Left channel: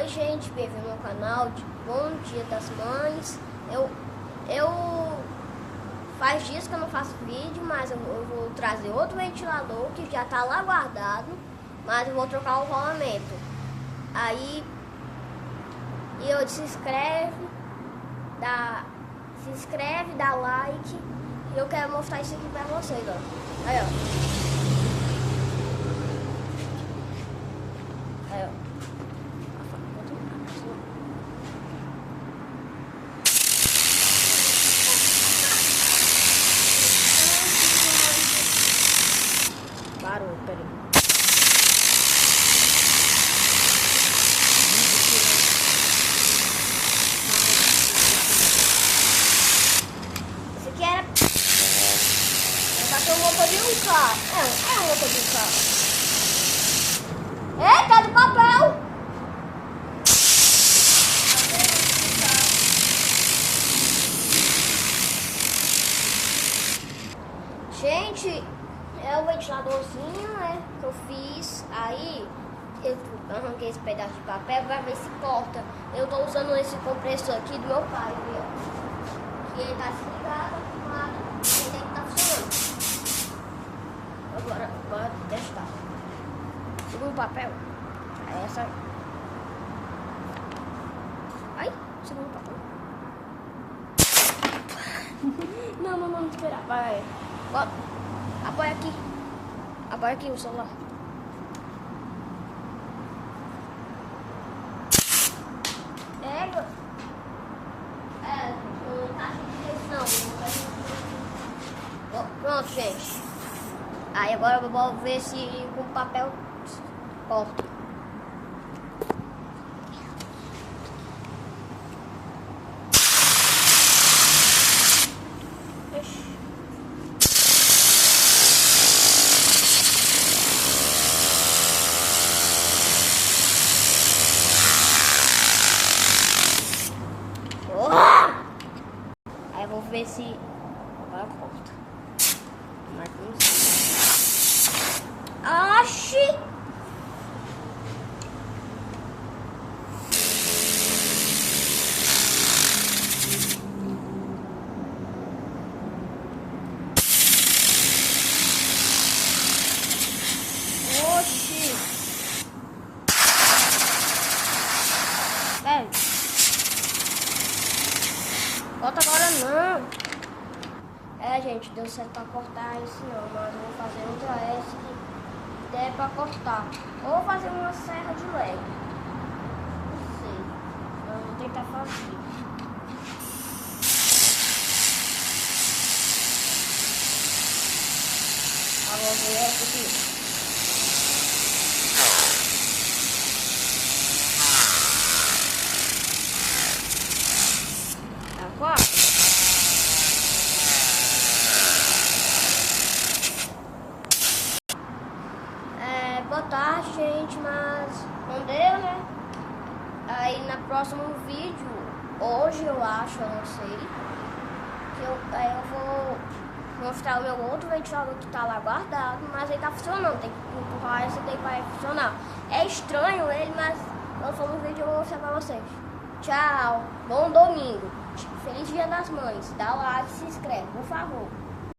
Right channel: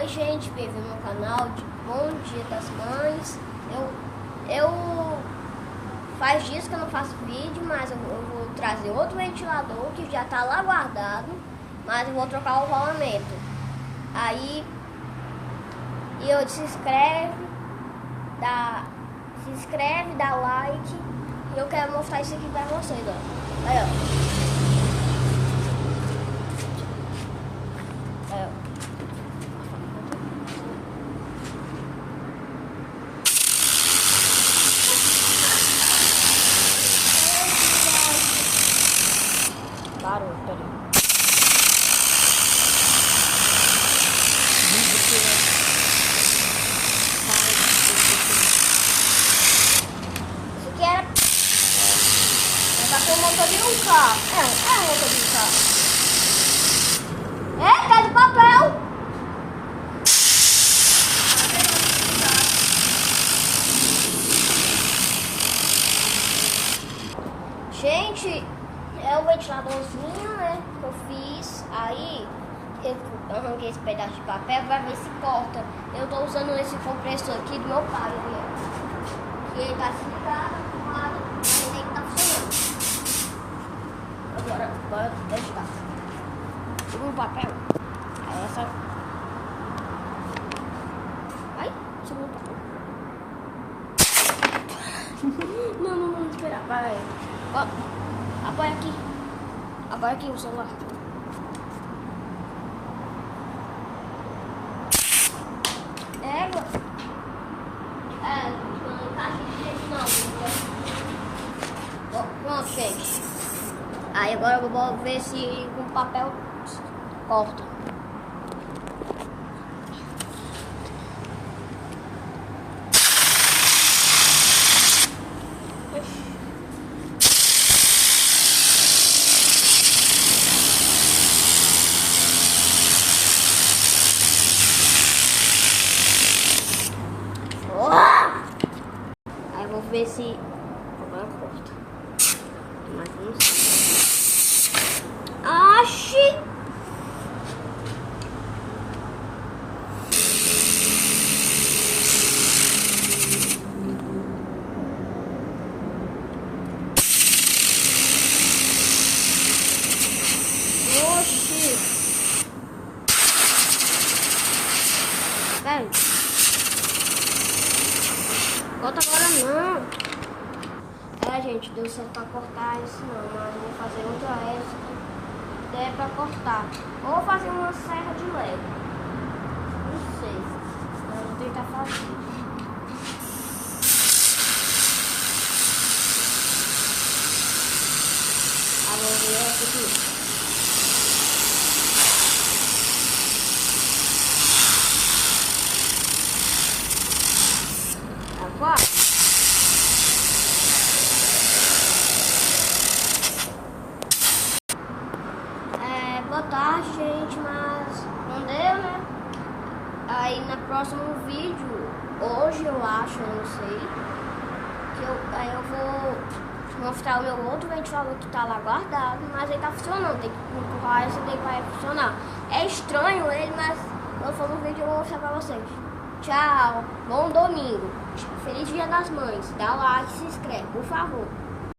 Oi gente, bem-vindo ao canal de Bom Dia das Mães. Eu faz dias que eu não faço vídeo, mas eu vou trazer outro ventilador que já tá lá guardado, mas eu vou trocar o rolamento. Aí se inscreve, dá like, e eu quero mostrar isso aqui pra vocês, ó. Aí, ó. Aí, ó. Barulho, peraí. Isso aqui era... Bateu o motor de um carro. É o motor de um carro. Tá de papel! Gente, é o ventiladorzinho, né, que eu fiz. Aí eu arranquei esse pedaço de papel pra ver se corta. Eu tô usando esse compressor aqui do meu pai, ó. Ele tá desligado, mas ele tá funcionando. Agora, bora testar. Segura o papel. Aí essa... Ai, segura o papel. Não, esperar. Vai. Apoia aqui o celular. Não. Pronto, gente. Aí agora eu vou ver se com papel corta. Aí eu vou ver se agora corta. Mas não sei. Oxi! Oxi! Velho. Bota agora não. Gente, deu certo pra cortar isso não, mas eu vou fazer outra essa que der pra cortar. Ou vou fazer uma serra de lego. Não sei. Mas eu vou tentar fazer. Vou ver essa aqui. Agora. Boa tarde, gente, mas não deu, né? Aí no próximo vídeo, hoje eu acho, eu não sei, aí eu vou mostrar o meu outro ventilador que tá lá guardado, mas ele tá funcionando, tem que empurrar esse daí vai funcionar. É estranho ele, mas lançando um vídeo eu vou mostrar pra vocês. Tchau, bom domingo, feliz Dia das Mães, dá like e se inscreve, por favor.